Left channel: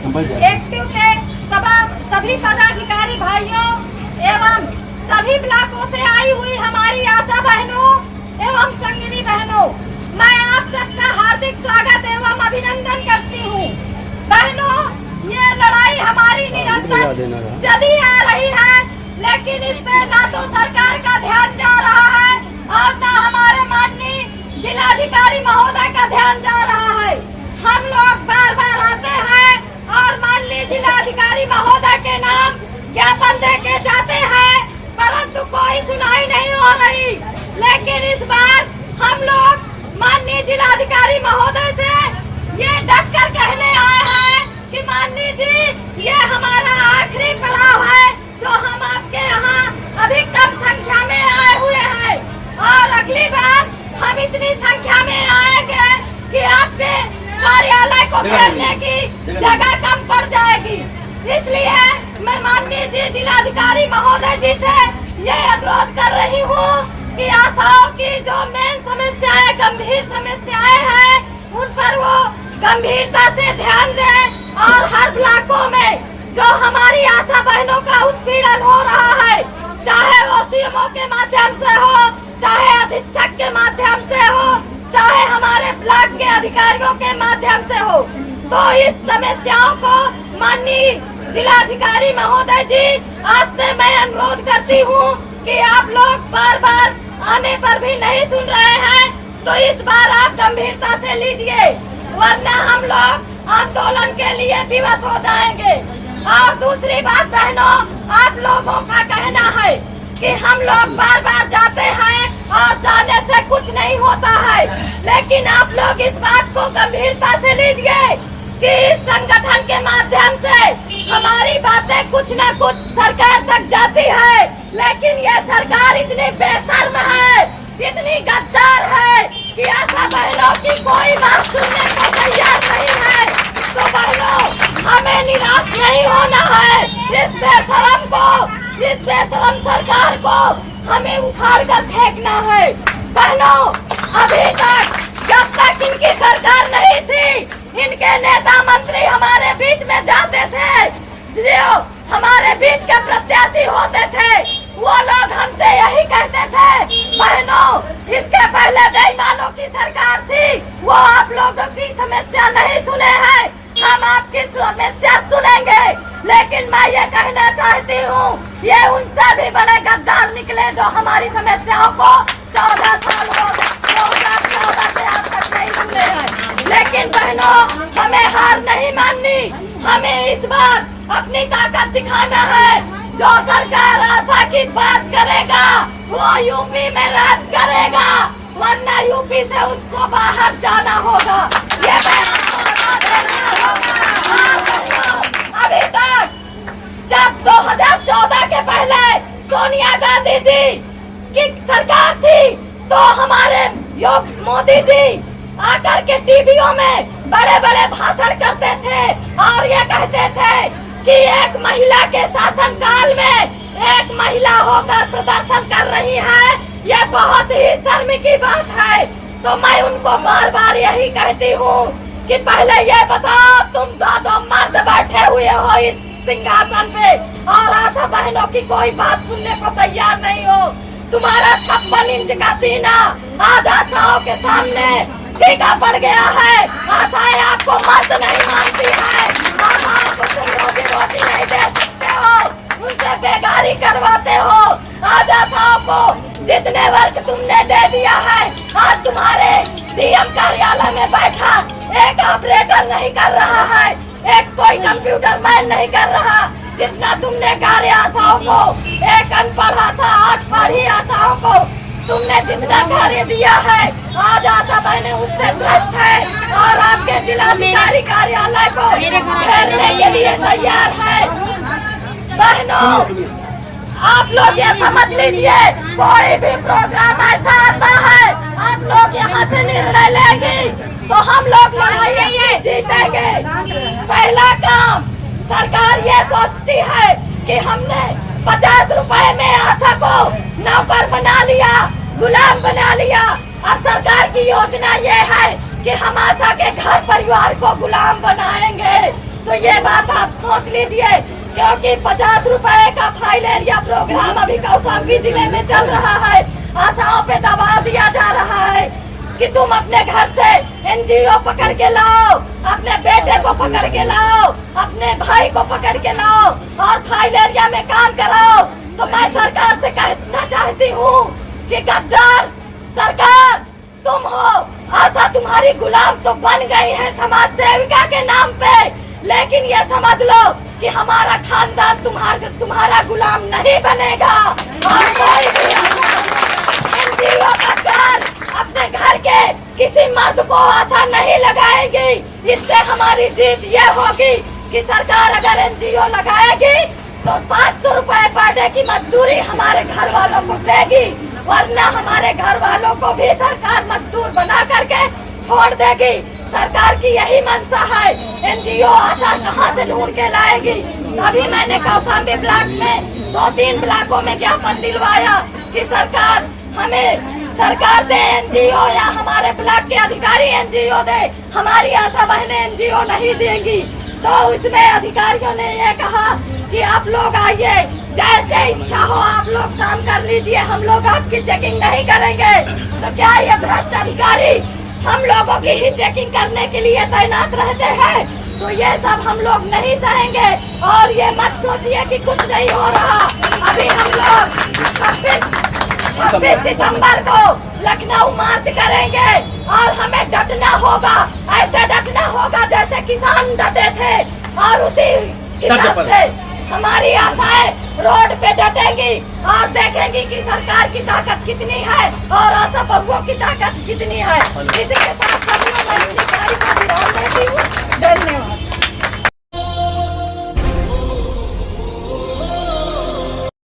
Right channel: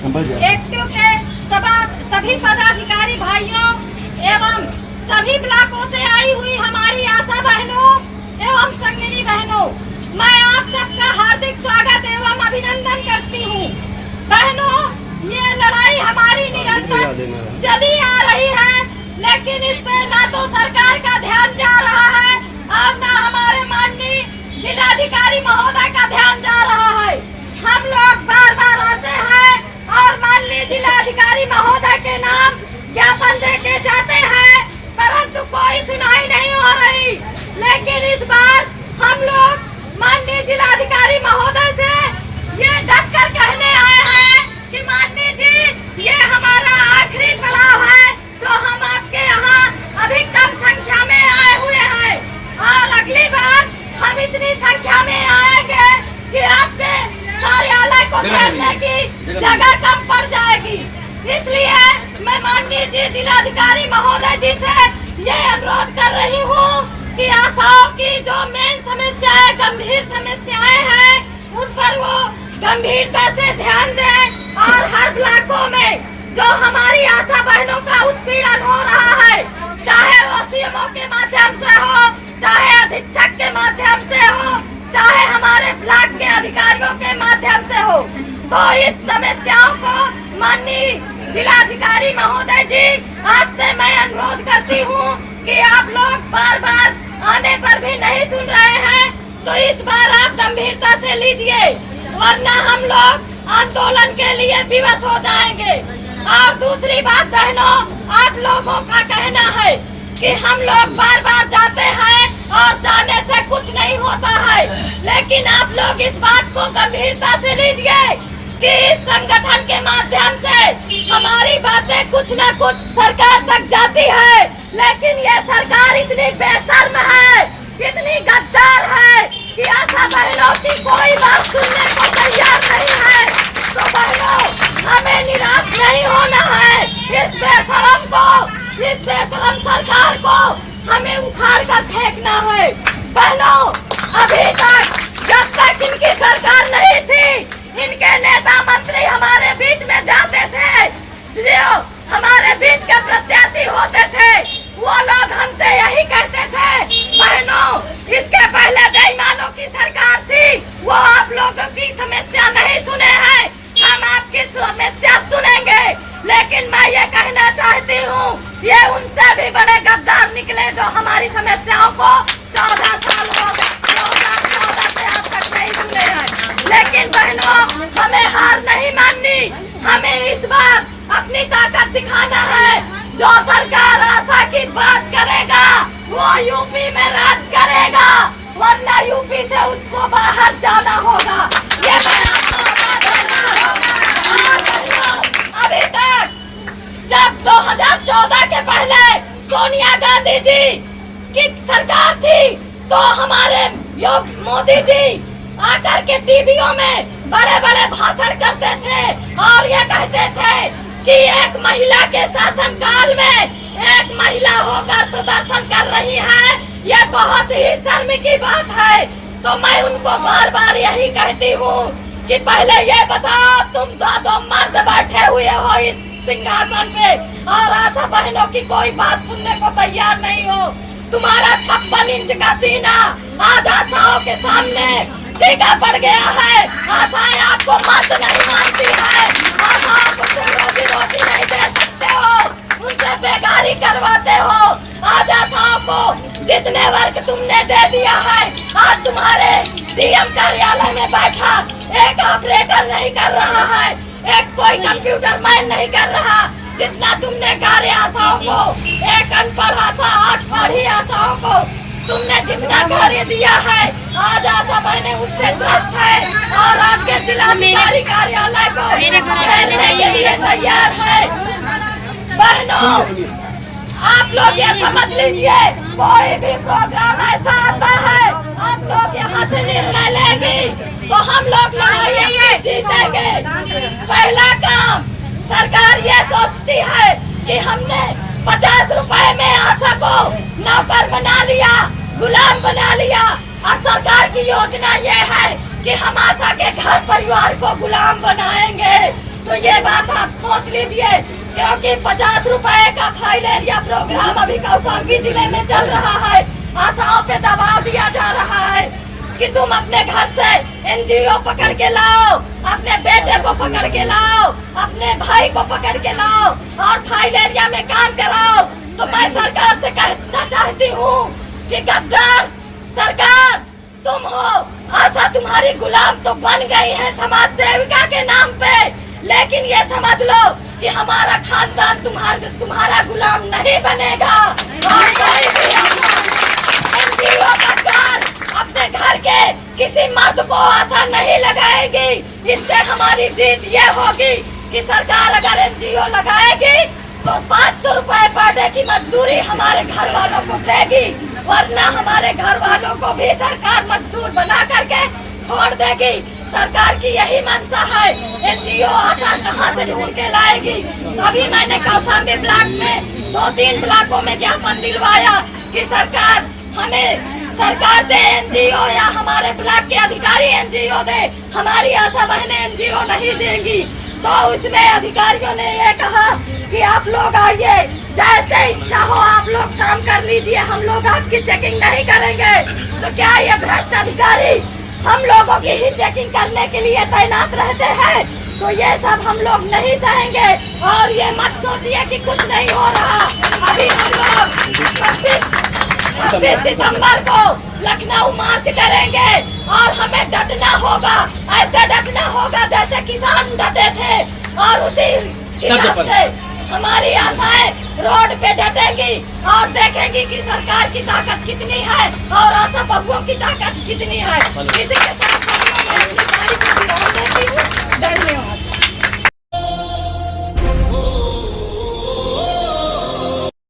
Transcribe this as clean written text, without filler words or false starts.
Active के सभी पदाधिकारी भाइयों एवं सभी ब्लॉकों से आई हुई हमारी आशा बहनों एवं संगिनी बहनों, मैं आप सबका हार्दिक स्वागत एवं अभिनंदन करती हूँ। बहनों, ये लड़ाई हमारी निरंतर चली आ रही है, लेकिन इस पे ना तो सरकार का ध्यान जा रहा है और ना हमारे माननीय जिलाधिकारी महोदय का ध्यान जा रहा है। हम लोग बार बार आते हैं और माननीय जिलाधिकारी महोदय के नाम ज्ञापन देके जाते हैं, परंतु कोई सुनाई नहीं हो रही। लेकिन इस बार हम लोग माननीय जिलाधिकारी महोदय से ये डटकर कहने आए हैं कि माननीय जी, ये हमारा आखिरी पड़ाव है, तो हम आपके यहाँ अधिकतम संख्या में आए हुए हैं और अगली बार हम इतनी संख्या में आएंगे कि आपके कार्यालय को घेरने की जगह कम पड़ जाएगी। इसलिए मैं माननीय जिलाधिकारी महोदय जी से ये अनुरोध कर रही हूँ कि आशाओं की जो मेन समस्याएं, गंभीर समस्याएं हैं, उन पर वो गंभीरता से ध्यान दें और हर ब्लॉकों में जो हमारी आशा बहनों का उत्पीड़न हो रहा है, चाहे वो सीएमओ के माध्यम से हो, चाहे अधीक्षक के माध्यम से हो, चाहे हमारे ब्लॉक के अधिकारियों के माध्यम से हो, तो इस समस्याओं को माननीय जिलाधिकारी महोदय जी, आपसे मैं अनुरोध करती हूँ कि आप लोग बार बार आने पर भी नहीं सुन रहे हैं, तो इस बार आप गंभीरता से लीजिए, वरना हम लोग आंदोलन के लिए विवश हो जाएंगे। और दूसरी बात बहनों, आप लोगों का कहना है कि हम लोग बार बार जाते हैं और जाने से कुछ नहीं होता है, लेकिन आप लोग इस बात को गंभीरता से लीजिए कि इस संगठन के माध्यम से हमारी बातें कुछ न कुछ सरकार तक जाती है, लेकिन ये सरकार इतनी बेशर्म है, इतनी गद्दार है कि आशा बहनों की कोई बात सुनने को तैयार नहीं है। तो बहनों, हमें निराश नहीं होना है। इस बेशर्म को, इस बेशर्म सरकार को हमें उखाड़ कर फेंकना है। बहनों, अभी तक जब तक इनकी सरकार नहीं थी, इनके नेता मंत्री हमारे बीच में जाते थे, जो हमारे बीच के प्रत्याशी होते थे, वो लोग हमसे यही कहते थे, बहनों, इसके पहले बेईमानों की सरकार थी, वो आप लोगों की समस्या नहीं सुने हैं, हम आपकी समस्या सुनेंगे। लेकिन मैं ये कहना चाहती हूँ, ये उनसे भी बड़े गद्दार निकले जो हमारी समस्याओं को 14 साल हो गए, 2014 से आज तक नहीं सुने हैं। लेकिन बहनों, हमें हार नहीं माननी, हमें इस बार अपनी ताकत दिखाना है। जो सरकार आशा की बात करेगा, वो यूपी में राज करेगा, वरना यूपी से उसको बाहर जाना होगा। ये अभी तक जब 2014 के पहले सोनिया गांधी जी की सरकार थी, तो हमारे मोदी जी आकर के टीवियों में बड़े बड़े भाषण करते थे और ये कहते थे कि एक महिला के शासन काल में एक महिला होकर प्रदर्शन कर रही है, ये बहुत ही शर्म की बात है। तो मैं उनको बार बार यही कहती हूँ कि पहले ये बताओ, तुम दो मर्द बैठे हुए हो इस सिंहासन पे और आशा बहनों की कोई बात सुनने को तैयार नहीं हो। तुम्हारा 56 इंच का सीना आज आशाओं के सामने फीका पड़ गया है। आशाएं आपको मर्द नहीं मानती है, आशाओं को तुम रोजी रोटी नहीं दे सकते हो, उनसे बेगारी करवाते हो। आज आशाओं को जितने वर्ग तुमने दे दिया है, आज तुम्हारे डीएम कार्यालय में बैठा एक ऑपरेटर नहीं कर रहा है, एक कोई कंप्यूटर मैन नहीं कर रहा, जितना तुमने कार्य आशाओं को, एक अनपढ़ आशा, 8 पढ़ी आशाओं को तुमने जितना कार्य दिया है, आज आशा बहने उससे त्रस्त है और आपके जिलाधिकारी कार्यालय को घेरने के लिए तैयार है। बहनों, आप लोग ये समझ लीजिए, कोई भी प्रोग्राम ऐसा आता है, आप लोग यहाँ से निर्णय लेंगे तो हम लोग लड़ाई अपनी जीतेंगे। पहला काम, सरकार ये सोचती है कि हमने 50 रुपए में आशा को नौकर बना लिया, गुलाम बना लिया, और सरकार की योजना ये है कि हम आशा के घर परिवार को गुलाम बनाएंगे। तो ये बात आप सोच लीजिए, क्योंकि 50 रुपए का फाइलेरिया प्रोग्राम अभी कौशाम्बी जिले में चल रहा है। आशाओं पे दबाव दिया जा रहा है कि तुम अपने घर से एनजीओ पकड़ के लाओ, अपने बेटे को पकड़ के लाओ, अपने भाई को पकड़ के लाओ और फाइलेरिया में काम कराओ। तो मैं सरकार से कहना चाहती हूँ कि गद्दार सरकार तुम हो, आशा तुम्हारी गुलाम तो बन गई है समाज सेविका के नाम पे, लेकिन ये समझ लो कि हमारा खानदान तुम्हारा गुलाम नहीं बनेगा। और कोई भी एनजीओ पकड़ अपने घर के किसी मर्द को आशा नहीं लगाएगी। इससे हमारी जीत ये होगी कि सरकार अगर एनजीओ लगाएगी तो 500 रुपए पर डे की मजदूरी हमारे घर वालों को देगी, वरना हमारे घर वालों को भी सरकार मजदूर बना करके छोड़ देगी। सरकार की यही मंशा है। एनजीओ आशा कहाँ से ढूंढ के लाएगी? तभी मैंने कौशाम्बी ब्लॉक में 2-3 ब्लॉकों में ज्ञापन दिलवाया कि सरकार हमें सरकार दे एनजीओ या हमारे ब्लॉक के अधिकारी एनजीओ दे, हमारी आशा बहनें एनजीओ नहीं देंगी। तो उसमें अधिकारियों ने ये कहा कि आप लोग आइए, जैसे इच्छा हो आप लोग काम कर लीजिए, हम लोग आपकी चेकिंग नहीं करेंगे। तो क्या ये भ्रष्ट अधिकारी हम लोगों की ही चेकिंग करने के लिए तैनात रहते हैं? तो ये सब हम लोग नहीं सहेंगे। और ये मत सोचिए कि कुछ नहीं हो रहा। अभी हम लोग 26 सितंबर को लखनऊ मार्च करेंगे और हमें डटना होगा, ऐसे डटना होगा जैसे किसान डटे थे। और उसी हिसाब से हमारी आशाएं रोड पे डटेंगी और देखेंगी कि सरकार की ताकत कितनी है और आशा बहुओं की ताकत कितनी है। इसी के साथ